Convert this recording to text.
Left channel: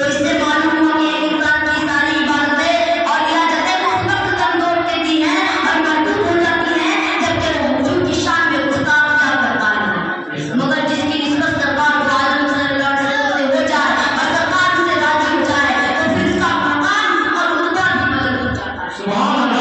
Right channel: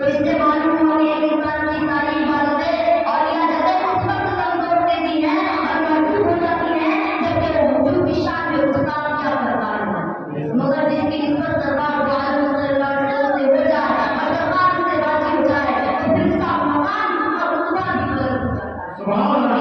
तो इससे मालूम हुआ कि एक इंसान की सारी इबादतें और इबादतें उस वक्त कमजोर देती हैं और मजबूत हो जाती हैं जबकि वो हुजूर की शान में गुस्ताख क्या करता है। मगर जिसकी निस्बत सरकार दो आलम सल्लल्लाहु अलैहि वसल्लम से हो जाए और सरकार से राजी हो जाए तो फिर उसका मकाम और उनका भी बदल हो जाता है।